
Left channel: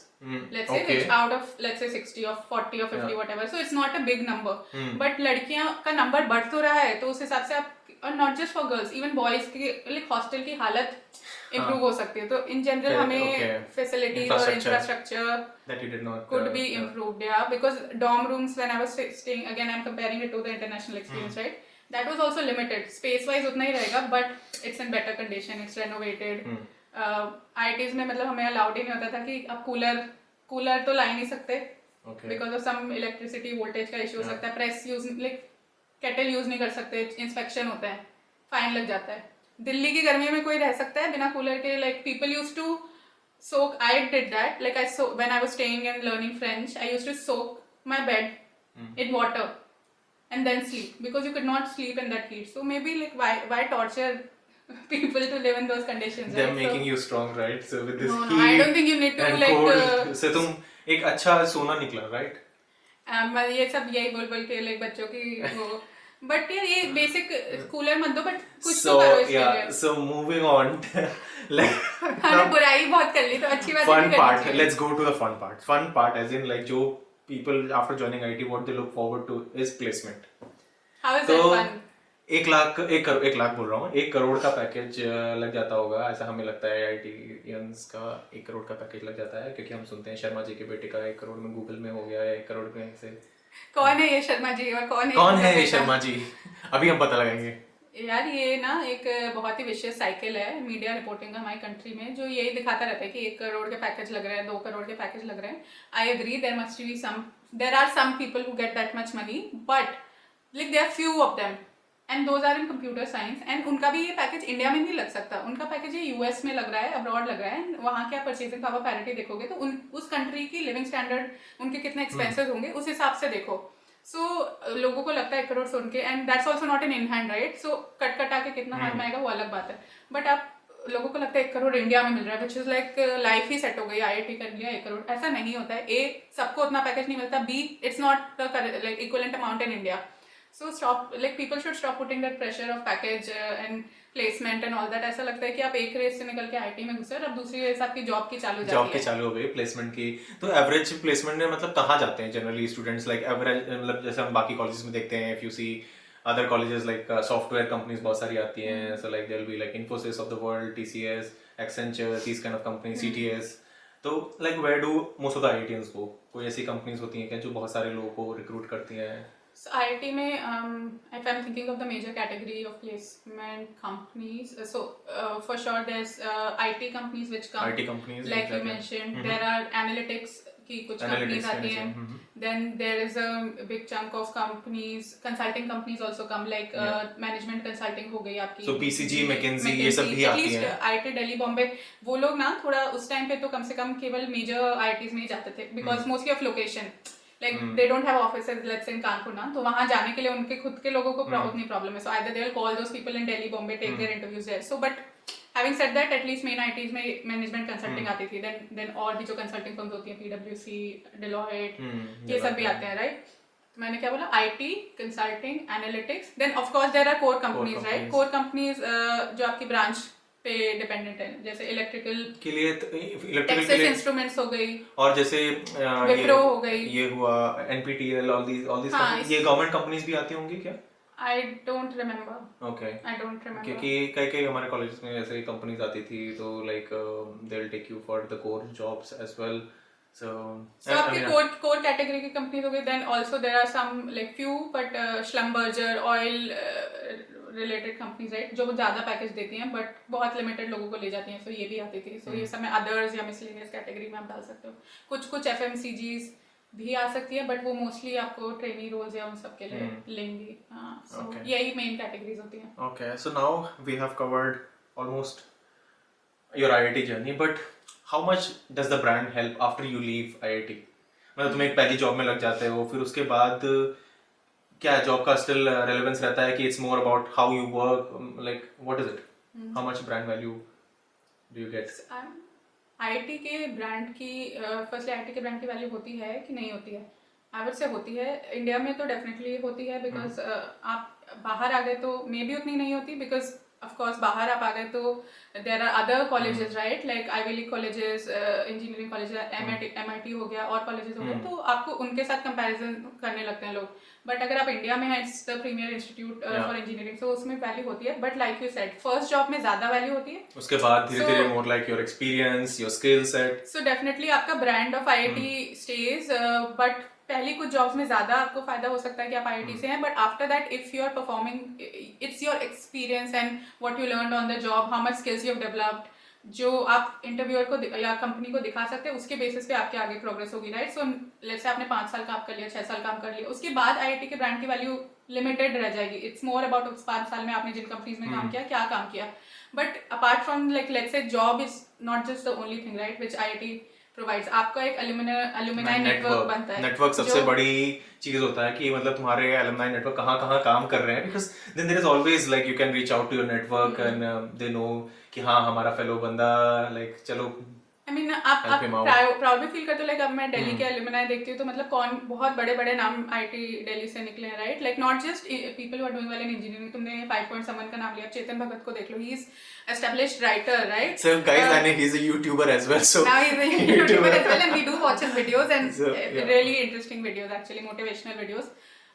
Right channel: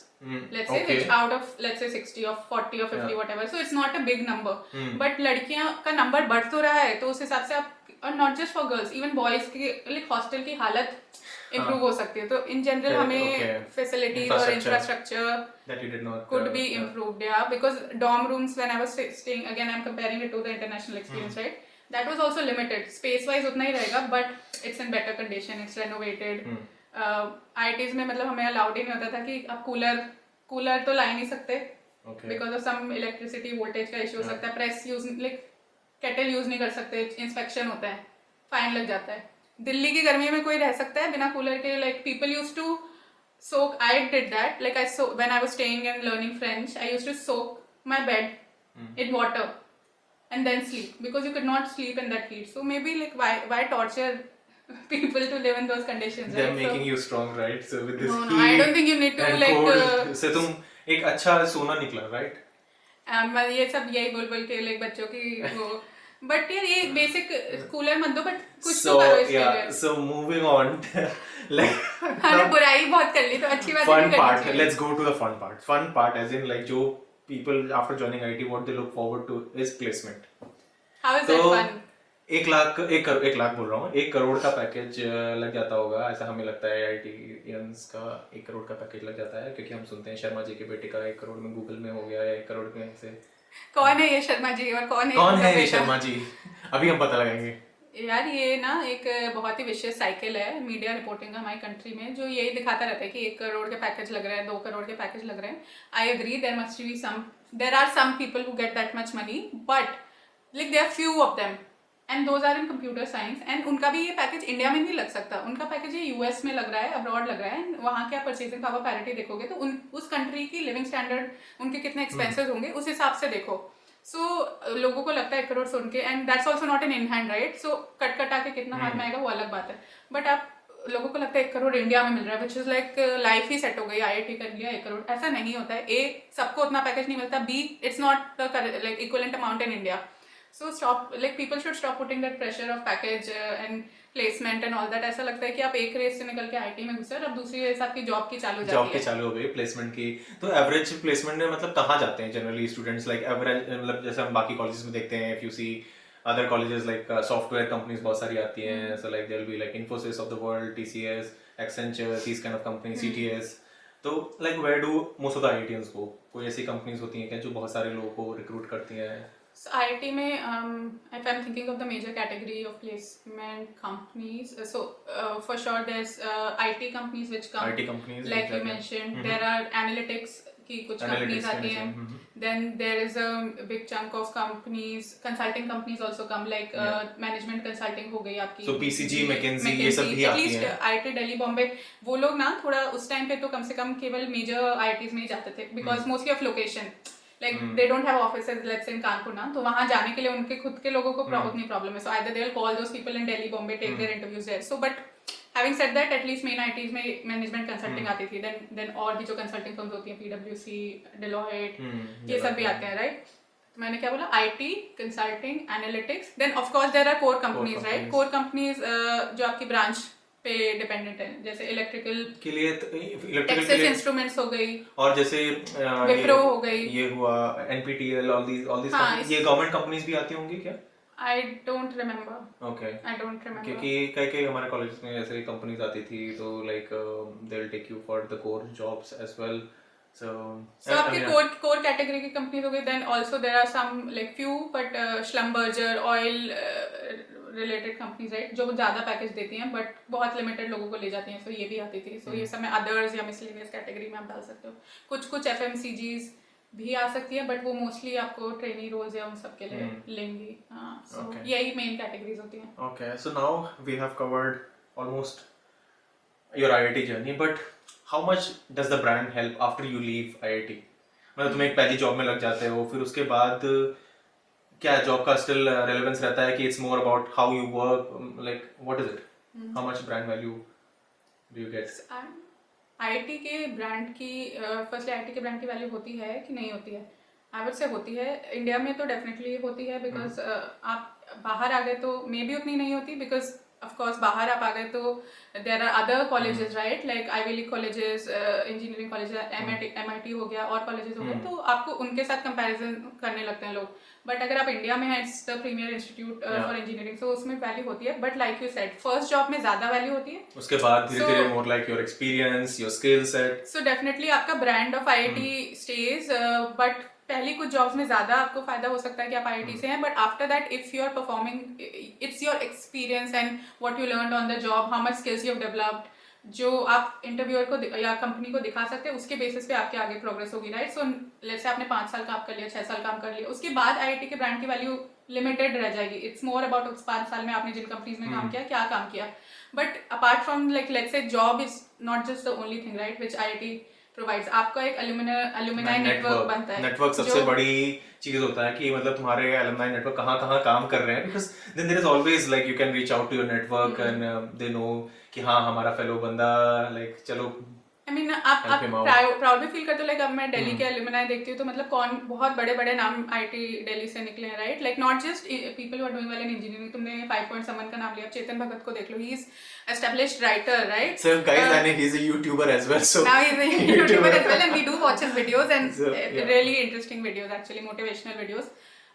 Let's say which out of let's say 60 or 40 or 50 whatever, so it's not a big number. But लड़कियां का नंबर बढ़ तो रहा है तो उस हिसाब से आप और not just for girls even boys के लाइक हॉस्टल की हालत इम्प्रूव हो सकती है. तो इन जनरल हमें फैसिलिटीज और infrastructure that you did not could be improved, yeah, because dorm rooms when I was staying, again I'm comparing it to the international experience, right, that was also limited space wise उतना ही रहेगा but it's in better condition, it's renovated. IITs में मतलब हमें allowed ही नहीं होता था कि आप कूलर तो ला ही नहीं सकते because of some electricity voltage का इशू हो सकता है. Press use like kettle use नहीं कर सकते, इंस्पेक्शन होता है, फाइन लग जाता है. दिल्ली की गर्मी में कोई रह सकता है बिना कूलर के. Like people use to soak. I did that. Like when I was staying and learning French, I used to soak my bed in water and then sleep because you could not sleep in that heat. So maybe like why torture people to live in those conditions? they're right? making you strong, right? So with this No, I don't think you need to and like. cold, से तुम एक अच्छा सोना निकला, right? मैं ये सब यही बोल के like बच्चों की वो बट यार ये बेसिक कूलर मत दो, बट कुछ So तो करो इसके yeah, लिए। so moving on, like हमने बुराई बहुत कर ली तो अच्छी बात fun नहीं part. करनी चाहिए। Let's go to the fun part. Fun part, as in like जो people after joining IT, what they look forward to is placement. How is तो that fun? 1 लाख बोल रहा हूँ, 1 करोड़ का पैकेज लग जाता होगा, ऐसा हमें लगता है IITians का 1 करोड़ का पैकेज लग जाता है, क्योंकि हम सुनते हैं शर्मा जी के बेटे का 1 करोड़ में गूगल में हो गया, या 1 करोड़ में से। कौन है ये शर्मा जी और कौन है ये शर्मा जी? अभी हम पता लगाएंगे। यार ये ना एक बहुत ही विशियस साइकिल है मीडिया रिपोर्टिंग का हमारी कंट्री में, जो यही दिखाता रहता है कि 1 करोड़ के पैकेज लग रहा है, 2 करोड़ के पैकेज लग रहा है। I agree there are some people who get that much money, but like there are few of them and those are in computer science, and उनका भी ये पैकेज इंडिया में नहीं लग सकता, उनका पैकेज ये यूएस में लग रहा है, अब्रॉड लग रहा है। वहाँ क्या परचेजिंग पावर पैरिटी देखोगे तो उस कंट्री की लिविंग स्टैंडर्ड, उनके कितने एक्सपेंसेस होंगे उस हिसाब से देखो। सो लोगों को लगता है 1 करोड़ सुन के, and that's also not an in hand, right? So cut कटा के कितना हाथ में आएगा वो अलग बात है, बट आप लोगों को लगता है 1 करोड़ इंडिया में मिल रहा है, which is like life he set हो गई, IIT कर लिया 1 करोड़। ऐसा नहीं होता है। A, सबको उतना पैकेज नहीं मिलता, B, it's not the like equivalent amount in India. So stop, like people should stop putting that pressure of package and placement and all that. ऐसा लगता है कि आप एक रेस से निकल के IT में घुसे और अब दूसरी रेस आपकी जॉब की चालू हो जाती है। जॉब की चालू हो गई, प्लेसमेंट की। तो एवरेज प्लेसमेंट में मतलब कहाँ जाते हैं जनरली स्टूडेंट्स, लाइक एवरेज, मतलब जैसे हम बाकी कॉलेजेस में देखते हैं, if you see other colleges like software companies बहुत सारी आती हैं, so like there will be like Infosys of the world, TCS, Accenture, these kind of companies, CTS। तो like where do most of the IITians go? कोई ऐसी companies होती हैं क्या जो बहुत सारे लोगों को रिक्रूट करती हैं? So IIT में, if I'm thinking of the major category of placement companies, so for sure there's IT companies which come, IT companies, like you mentioned, there are analytics की कुछ companies आती हैं, then there is a big chunk of companies, consulting companies also come, like management consulting हो गई आपकी, so BCG, McKinsey, ये सब भी आती हैं। IIT दिल्ली बॉम्बे, वो लोग ना थोड़ा उस टाइम पे तो कम से कम केवल मेजर IITs में ही जाते थे, because mostly of location, like they don't have offices let's say in Kanpur ना, तो वहाँ जाने के लिए उनके खुद के लोगों को उतनी प्रॉब्लम है, so either they'll call those people in Delhi, Bombay, take their interviews there. So but having said that, at least main IITs में management consulting आती थी, then और भी जो consulting firms होती हैं, PwC, Deloitte, ये सब भी आते हैं, right? मैंने क्या बोला, IT, consulting, analytics, then of course there are core companies, right? Core companies जो आपकी branch पे डिपेंडेंट है, जैसे इलेक्ट्रिकल के लिए टेक्सास इंस्ट्रूमेंट्स हो गई, और जैसे विप्रो हो गई, ये हुआ NPTEL, ऑल दीस हाँ, ये गवर्नमेंट कंपनीज भी आती होंगी क्या? I don't remember. Okay. I don't remember. क्योंकि कई हमारे कॉलेज में ऐसे कंपनीज आती थी, तो like they will take you for the core jobs as well. So आपकी core category की कंपनीज हो गई, then also there are some like few but Schlumberger oil related companies, right, जो ज़्यादा पैकेज देती हैं बट बहुत लिमिटेड लोगों को ले जाती हैं, so ये भी आती थी। So ये सब में अदर्स या मिसलेनियस कैटेगरी में आप डाल सकते हो। कुछ FMCGs भी आ सकती है, बट वो मोस्टली आपको ट्रेनिंग रोल्स या उन सब के लिए लेंगी। So यही मेन कैटेगरीज होती हैं। Okay, so now we have covered almost your IIT journey, but how much does the brand help after you leave IIT? मतलब तुम एक पहली जॉब में लग जाते हो, फिर उसके बाद क्या जॉब का स्टिल रेलेवेंस रहता है कि it's more about how you work, like what is it, how much brand value do you get? IT के ब्रांड की फर्स्टली आईटी की ब्रांड की वैल्यू होती है कि नहीं होती है? आई वुड से होती है। इंडिया में तो डेफिनेटली होती है, बिकॉज आप बाहर आ गए तो मे बी उतनी नहीं होती, बिकॉज ऑफ कोर्स बाहर आप आ गए तो there are other colleges, right, like Ivy League colleges, engineering colleges, MIT हो गया और कॉलेजेस हो गए, तो आपको उनके साथ कंपैरिजन करने लगते हैं लोग। बट अगर आप इंडिया में है, it's the premier institute for engineering, तो उसमें वैल्यू होती है, but like you said first job में ज्यादा वैल्यू होती है, उसके बाद धीरे-धीरे more like your experience, your skill set. So definitely आपका brand of IIT stage, but पहली कुछ जॉब्स में ज्यादा आपको फायदा हो सकता है कि आप आईआईटी से हैं, but after that if you are performing, it's your experience and what you learned on the job, how much skills you developed, जो आप इंटरव्यूअर को या कंपनी को दिखा सकते हैं, उसके बेसिस पे आपके आगे प्रोग्रेस होगी, राइट। सो लेट्स से आपने 5 साल काम कर लिया, 6 साल काम कर लिया, उसके बाद आईआईटी के ब्रांड की वैल्यू लिमिटेड रह जाएगी। इट्स मोर अबाउट उस 5 साल में आपने जिन कंपनीज में काम किया, क्या काम किया। But apart from like let's say job is not just the only thing, right, which IIT provides. आपका एक अलुमिनाई नेटवर्क बनता है। नेटवर्क सबसे बड़ी चीज होता है कि मतलब तुम्हारे अलुमिनाई नेटवर्क कहाँ काम कर रहे हैं, because then there is always like you can reach out to your network and they know कि हाँ हमारा फेलो बंदा, लाइक चलो I mean, आप Help him out. प्राउड भी फील करते हो, लाइक अब मैं दिल्ली के अलुमनाई देखती हूँ तो मतलब कौन बहुत बड़े बड़े नाम आईटी दिल्ली से निकले हैं, right? Like not just people who are doing well in engineering. तुमने 5 पॉइंट समवन का नाम लिया, चेतन भगत को देख लो, he is established writer, right? So guys, I think he's a YouTuber as well. So Now he's a YouTuber as well, and we do watch his videos, and So, yeah. really interesting videos, actually motivational videos.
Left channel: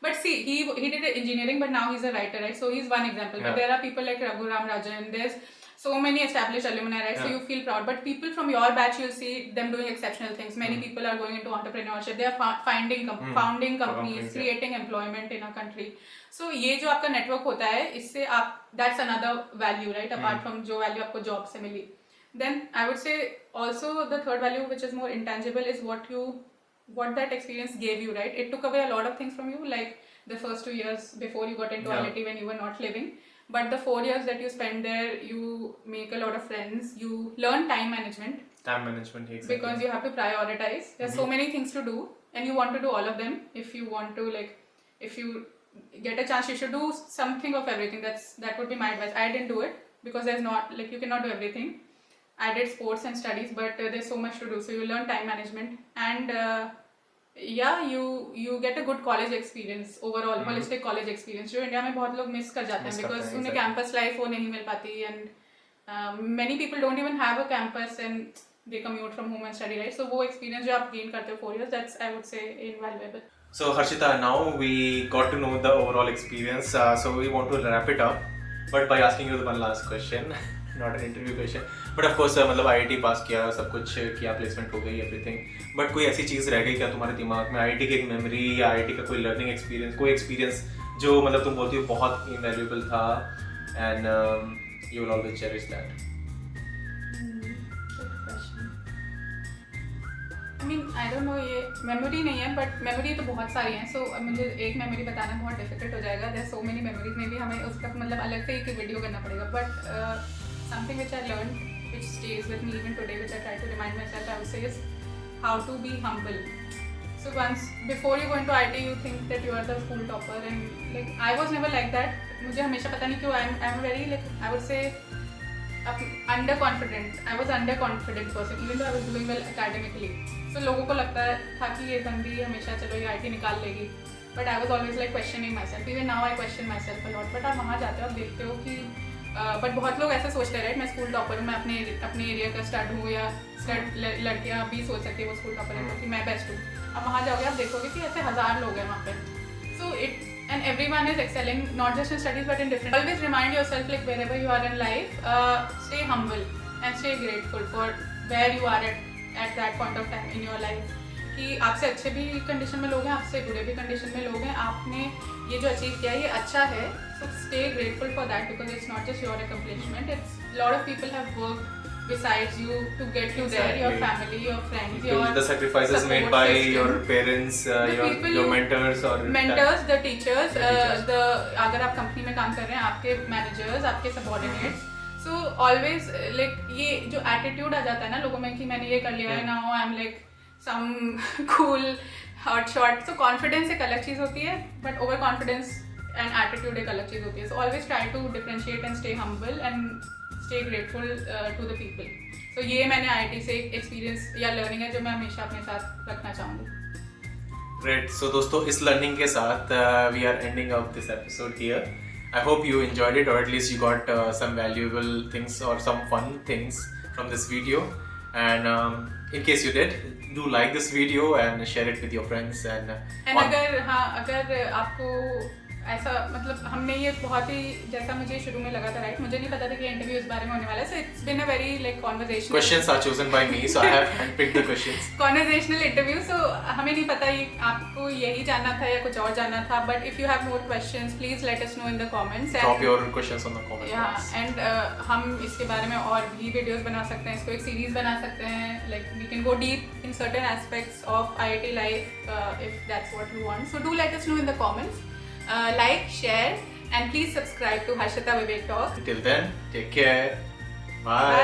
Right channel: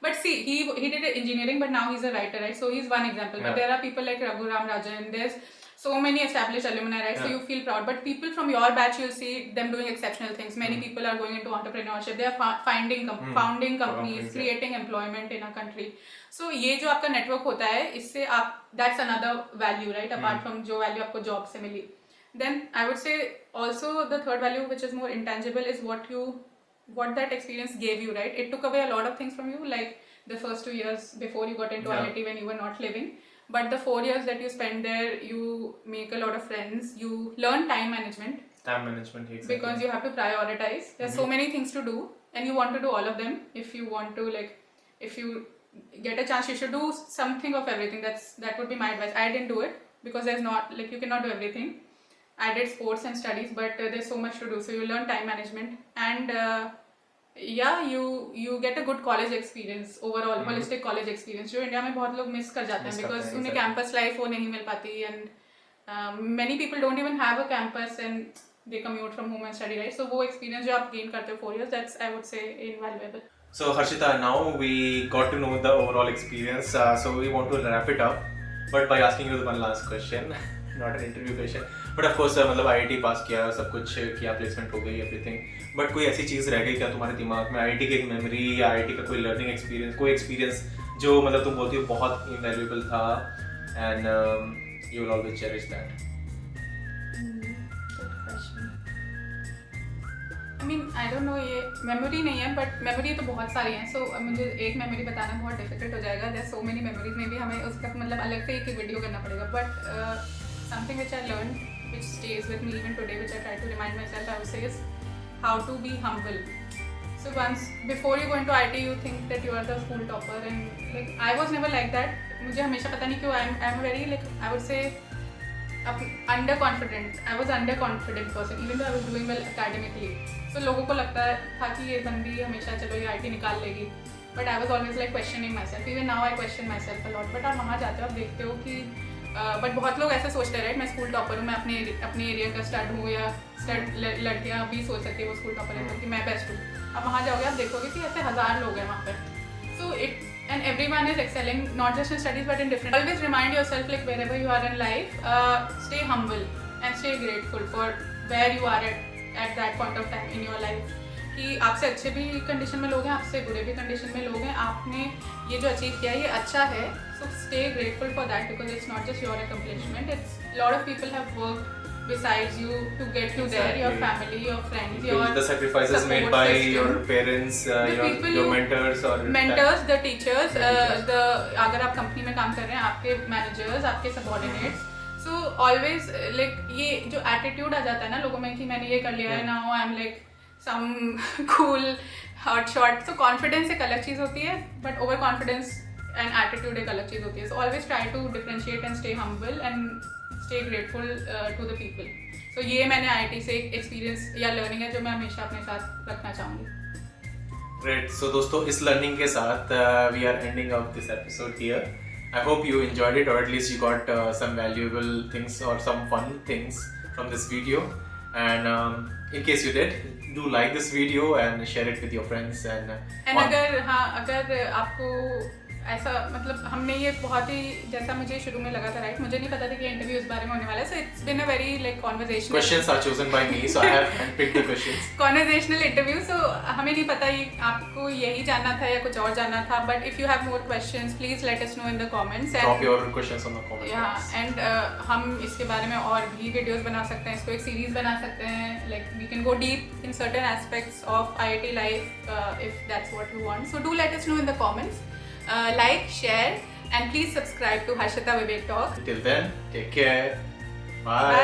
But see, he did engineering, but now he's a writer, right? So he's one example. But Yeah. there are people like Raghuram Rajan. There's so many established alumni, right? So Yeah. you feel proud. But people from your batch, you see them doing exceptional things. Many people are going into entrepreneurship. They are founding companies, Companies, yeah. creating employment in a country. So ये जो आपका network होता है, इससे आप that's another value, right? Apart from जो value आपको job से मिली. Then I would say also the third value, which is more intangible, is what that experience gave you, right? It took away a lot of things from you, like the first 2 years before you got into Yeah. IIT when you were not living. But the 4 years that you spend there, you make a lot of friends. You learn time management time management is because you have to prioritize. There's so many things to do, and you want to do all of them. If you want to, like, if you get a chance, you should do something of everything. That would be my advice. I didn't do it because there's not, like, you cannot do everything. I did sports and studies, but there's so much to do. So you learn time management, and yeah, you get a good college experience overall, holistic college experience. जो India में बहुत लोग miss कर जाते हैं Miss because करते हैं, उन्हें exactly. campus life वो नहीं मिल पाती, and many people don't even have a campus and they commute from home and study, right? So वो experience जो आप gain करते हो 4 years, that's I would say invaluable. So Harshita, now we got to know the overall experience. So we want to wrap it up, but by asking you the last question, not an interview question, but of course मतलब IIT पास किया, सब कुछ किया, placement हो गई, everything. But कोई ऐसी चीज़ रह गई क्या तुम्हारे दिमाग में IIT की एक मेमोरी या IIT का कोई लर्निंग एक्सपीरियंस, कोई एक्सपीरियंस जो मतलब तुम बोलते हो बहुत इनवैल्यूएबल था and you will always cherish that? I mean, I don't know, ये मेमोरी नहीं है, बट मेमोरी तो बहुत सारी हैं. सो मुझे एक मेमोरी बताना बहुत डिफिकल्ट हो जाएगा. There so many memories, maybe हमें उसका मतलब अलग से एक वीडियो करना पड़ेगा. But something which I learn, which stays with me even today, which I try to remind myself, I would say is how to be humble. So once before you go into IT, you think that you are the school topper, and like I was never like that. मुझे हमेशा पता नहीं क्यों I'm very, like, I would say underconfident. I was underconfident person even though I was doing well academically. So लोगों को लगता था कि ये बंदी हमेशा चलो ये IT निकाल लेगी. But I was always like questioning myself. Even now I question myself a lot. But आप वहाँ जाते हो, आप देखते हो कि बट बहुत लोग ऐसा सोचते हैं, राइट? मैं स्कूल टॉपर हूँ, मैं अपने एरिया का स्टड हूँ, या लड़कियाँ भी सोच सकती है वो स्कूल टॉपर है कि मैं बेस्ट हूँ. अब वहाँ जाओगे आप देखोगे कि ऐसे 1000 लोग हैं वहाँ पर. So and everyone is excelling, not just in studies but in different. Always remind yourself, like, wherever you are in life, stay humble and stay grateful for where you are at that point of time in your life. कि आपसे अच्छे भी condition में लोग हैं, आपसे बुरे भी कंडीशन में लोग हैं, आपने ये जो अचीव किया ये अच्छा है. So stay grateful for that because it's not just your accomplishment. It's a lot of people have worked besides you to get you there. Your family, your friends, your the sacrifices made by your parents, your mentors or the teachers, अगर आप company में काम कर रहे हैं, आपके managers, आपके subordinates. So always like ये जो एटीट्यूड आ जाता है ना लोगों में कि मैंने ये कर लिया है, now I am like some cool hot shot. So confidence एक अलग चीज़ होती है, but over confidence and attitude एक अलग चीज़ होती है. So always try to differentiate and stay humble and stay grateful to the people. तो ये मैंने IIT से एक्सपीरियंस या लर्निंग है जो मैं हमेशा अपने साथ रखना चाहूँगी. Great. So दोस्तों, इस लर्निंग के साथ we are ending out this episode here. I hope you enjoyed it, or at least you got some valuable things or some fun things from this video. And in case you did, do like this video and share it with your friends. And अगर आपको ऐसा मतलब हमने ये बहुत ही जैसा मुझे शुरू में लगा था, राइट? मुझे नहीं पता था कि इंटरव्यू इस बारे में होने वाला है. So it's been a very like conversational. questions are chosen by me, so I have picked the questions. Conversational interview. So हमें नहीं पता ये आपको यही जानना था या कुछ और जानना था. But if you have more questions please let us know in the comments. Drop your questions on the comment box. And हम इसके बारे में और भी वीडियोस बना सकते हैं, इसको एक सीरीज बना सकते हैं. Like we can go deep in certain aspects of IIT life if that's what you want. So do let us know in the comments. Like, share, and please subscribe to Harshita Vivek Talk. Till then, take care. Bye.